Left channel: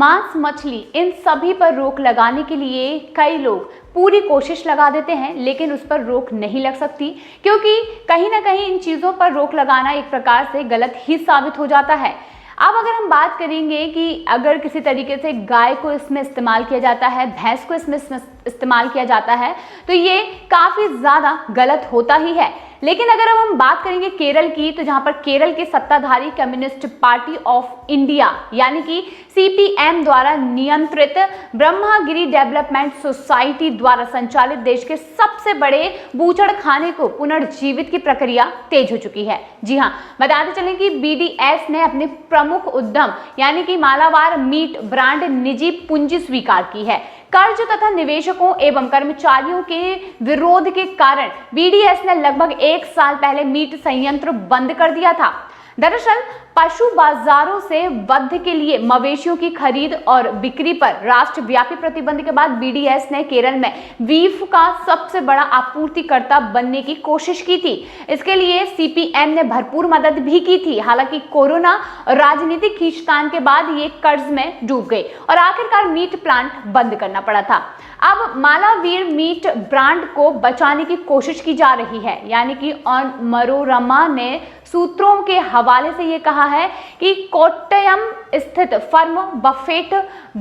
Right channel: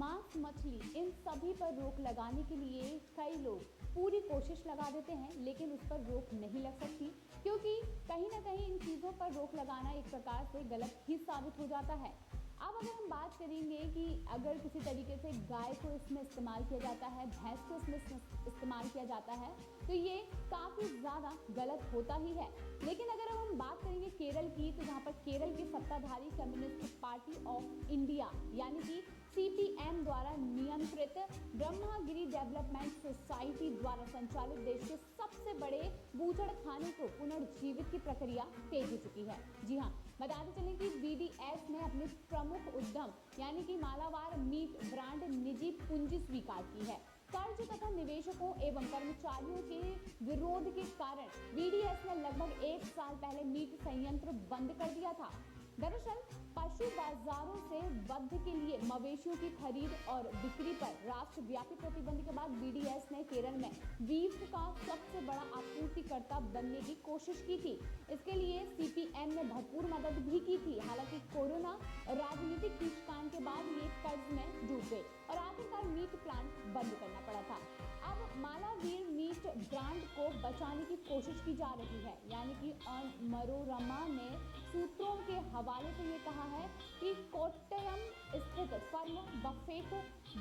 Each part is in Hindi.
मांस, मछली, इन सभी पर रोक लगाने के लिए कई लोग पूरी कोशिश लगा देते हैं, लेकिन उस पर रोक नहीं लग सकती, क्योंकि कहीं ना कहीं इन चीज़ों पर रोक लगाना एक प्रकार से गलत ही साबित हो जाता है। अब अगर हम बात करेंगे कि अगर किसी तरीके से गाय को इसमें इस्तेमाल किया जाता है, भैंस को इसमें इस्तेमाल किया जाता है, तो ये काफ़ी ज़्यादा गलत होता ही है। लेकिन अगर अब हम बात करेंगे केरल की, तो जहां पर केरल के सत्ताधारी कम्युनिस्ट पार्टी ऑफ इंडिया यानी कि सीपीएम द्वारा नियंत्रित ब्रह्मागिरी डेवलपमेंट सोसाइटी द्वारा संचालित देश के सबसे बड़े बूचड़खाने को पुनर्जीवित की प्रक्रिया तेज हो चुकी है। जी हाँ, बताते चलें कि बीडीएस ने अपने प्रमुख उद्यम यानी कि मालाबार मीट ब्रांड निजी पूंजी स्वीकार की है। कर्ज तथा निवेशकों एवं कर्मचारियों के विरोध के कारण बीडीएस ने लगभग 1 साल पहले मीट संयंत्र बंद कर दिया था। दरअसल पशु बाजारों से वध के लिए मवेशियों की खरीद और बिक्री पर राष्ट्रव्यापी प्रतिबंध के बाद बीडीएस ने केरल में बीफ का सबसे बड़ा आपूर्तिकर्ता बनने की कोशिश की थी। इसके लिए सीपीएम ने भरपूर मदद भी की थी। हालांकि कोरोना और राजनीतिक खींचतान के बाद ये कर्ज में डूब गई और आखिरकार मीट प्लांट बंद करना पड़ा था। अब मालावीर मीट ब्रांड को बचाने की कोशिश की जा रही है, यानी कि ऑन मनोरमा ने सूत्रों के हवाले से ये कहा है कि कोट्टयम स्थित फर्म बफेट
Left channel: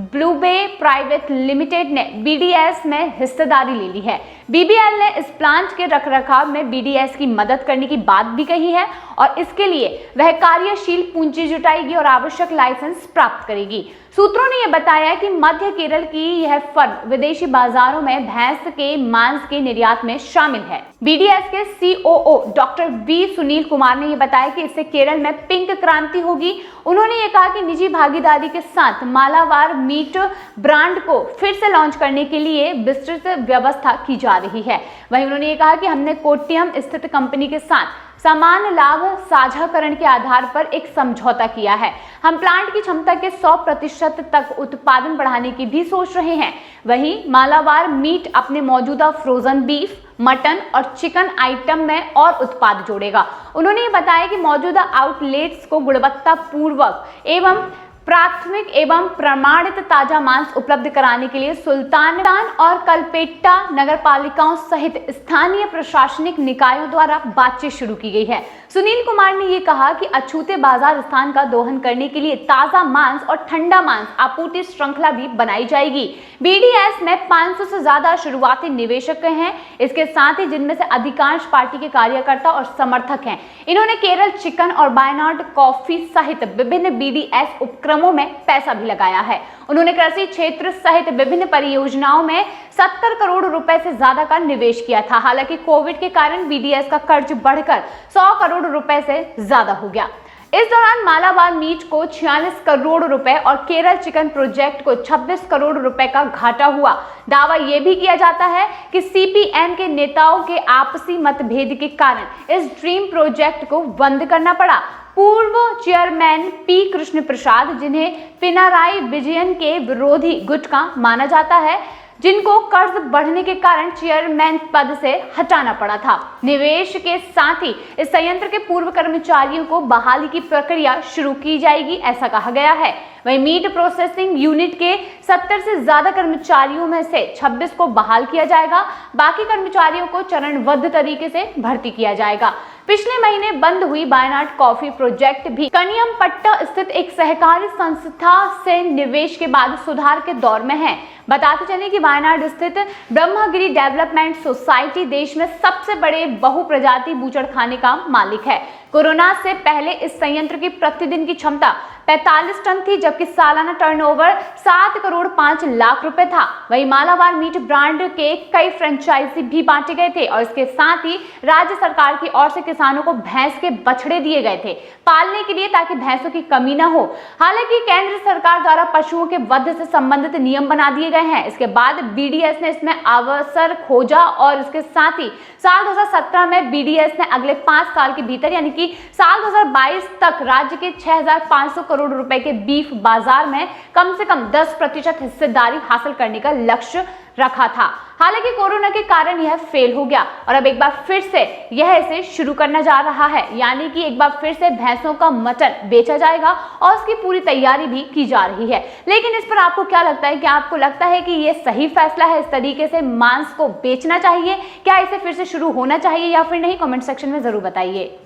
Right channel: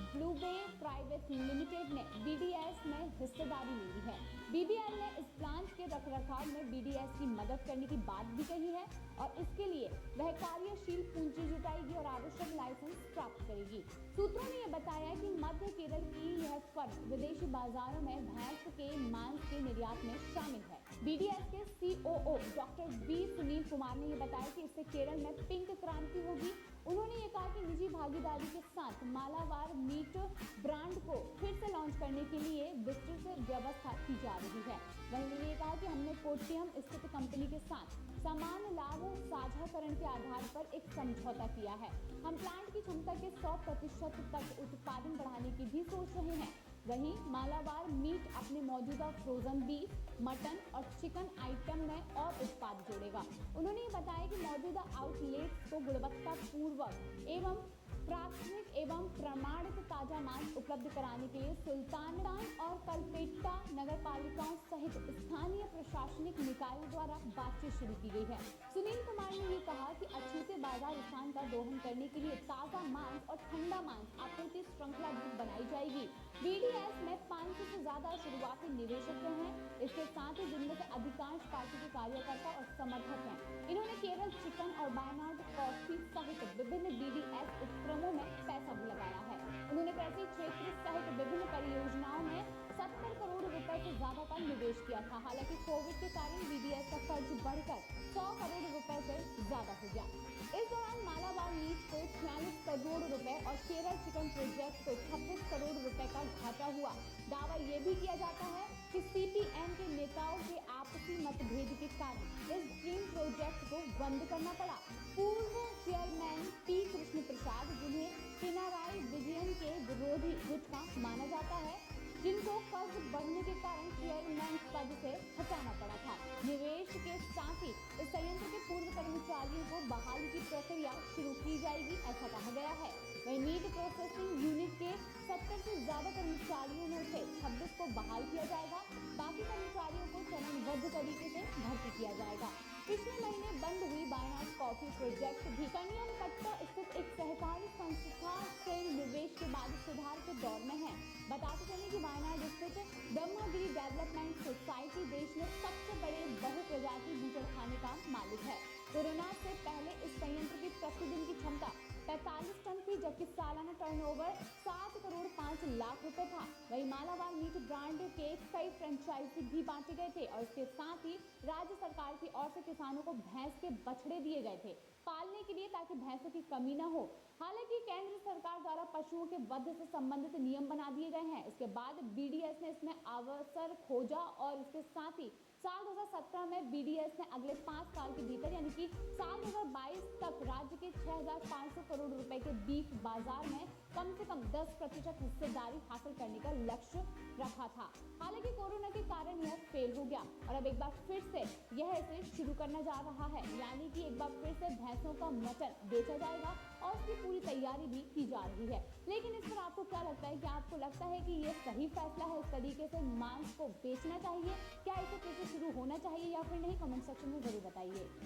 ब्लूबे प्राइवेट लिमिटेड ने बीडीएस में हिस्सेदारी ले ली है। बीबीएल ने इस प्लांट के रखरखाव में बीडीएस की मदद करने की बात भी कही है और इसके लिए वह कार्यशील पूंजी जुटाएगी और आवश्यक लाइसेंस प्राप्त करेगी। सूत्रों ने यह बताया कि मध्य केरल की यह फर्म विदेशी बाजारों में भैंस के मांस के निर्यात में शामिल है। बीडीएस के COO doctor B Sunil Kumar ने यह बताया कि इससे केरल में पिंक क्रांति होगी। उन्होंने ये कहा कि निजी भागीदारी के साथ मालाबार मीट ब्रांड को फिर से लॉन्च करने के लिए विस्तृत व्यवस्था की जा रही है। वहीं उन्होंने ये कहा कि हमने कोट्टयम स्थित कंपनी के साथ समान लाभ साझाकरण के आधार पर एक समझौता किया है। हम प्लांट की क्षमता के 100% तक उत्पादन बढ़ाने की भी सोच रहे हैं। वहीं मालाबार मीट अपने मौजूदा फ्रोजन बीफ, मटन और चिकन आइटम में और उत्पाद जोड़ेगा। उन्होंने ये बताया कि मौजूदा आउटलेट्स को गुणवत्ता पूर्वक एवं प्राथमिक एवं प्रमाणित ताजा मांस उपलब्ध कराने के लिए सुल्तान और कलपेट्टा नगरपालिकाओं सहित स्थानीय प्रशासनिक निकायों द्वारा बातचीत शुरू की गई है। सुनील कुमार ने यह कहा कि अछूते बाजार स्थान का दोहन करने के लिए ताजा मांस और ठंडा मांस आपूर्ति श्रृंखला भी बनाई जाएगी। बीडीएस में 500 से ज्यादा शुरुआती निवेशक हैं, इसके साथ ही जिनमें से अधिकांश पार्टी के कार्यकर्ता और समर्थक हैं। इन्होंने केरल चिकन और वायनाड कॉफी सहित विभिन्न बीडीएस उपक्रमों में पैसा भी लगाया है। उन्होंने कृषि क्षेत्र सहित विभिन्न परियोजनाओं में 70 करोड़ रुपए से ज्यादा का निवेश किया था। हालांकि कोविड के कारण बीडीएस का कर्ज बढ़कर 100 करोड़ रुपए से ज्यादा हो गया। इस दौरान मालाबार मीट को 46 करोड़ रुपए और केरल चिकन प्रोजेक्ट को 26 करोड़ रुपए का घाटा हुआ। दावा यह भी किया जाता है कि सीपीएम के नेताओं के आपसी मतभेद के कारण इस ड्रीम प्रोजेक्ट को बंद करना पड़ा। पूर्व चेयरमैन पी कृष्ण प्रसाद, जिन्हें पिनाराई विजयन के विरोधी गुट का माना जाता है, जिनको कर्ज बढ़ने के कारण चेयरमैन पद से हटाना पड़ा था। निवेश के साथ ही इस संयंत्र के पूर्व कर्मचारियों को बहाली की प्रक्रिया शुरू की जाएगी, ऐसा कहा गया है। वहीं मीट प्रोसेसिंग यूनिट के 70 से ज्यादा कर्मचारियों में से 26 को बहाल किया जाएगा। बाकी कर्मचारियों को चरणबद्ध तरीके से भर्ती किया जाएगा। पिछले महीने बंद हुई वायनाड कॉफी प्रोजेक्ट भी कनियमपट्टा स्थित एक सहकारी संस्था से निवेश के बाद सुधार के दौर में है। बताते चलें कि वायनाड स्थित ब्रह्मागिरी डेवलपमेंट सोसाइटी देश में सबसे बड़े बहुप्रजाति बूचड़खाने का मालिक है। कोरोना से पहले इस संयंत्र की प्रतिदिन की क्षमता 45 टन थी, जबकि सालाना टर्नओवर 7 करोड़ 5 लाख रुपए था। वहीं मालाबार मीट ब्रांड के कई फ्रेंचाइजी भी बांटे गए थे और इसके साथ ही राज्य सरकार की ओर से किसानों को भैंस के बछड़े दिए गए थे पालने के लिए, ताकि भैंसों की कमी न हो। हालांकि केंद्र सरकार द्वारा पशुओं के वध से संबंधित नियम बना दिए गए हैं। इसके बाद बीडीएस ने इसमें अवसर खोजा और इसके साथ ही साल 2017 में बीडीएस ने अगले 5 साल के भीतर यानी कि साल 2022 तक राज्य के 6,500 करोड़ करोड़ रुपए के बीफ बाजार में कम से कम 10% हिस्सेदारी हासिल करने का लक्ष्य रखा था। हालांकि कोरोना के कारण यह फेल हो गया और अब एक बार फिर से यह इसे शुरू करना जा रहा है, यानी कि एक बार फिर से भैंसों का मटन बेचा जाएगा और उसकी पूरी तैयारी भी की जा रही है। लेकिन इस पर आपको क्या लगता है? क्या आपको लगता है कि यह सही फैसला है इस तरीके से मांस को बेचना चाहिए? क्या इसे फिर से शुरू होना चाहिए या फिर नहीं? कमेंट सेक्शन में जरूर बताइए।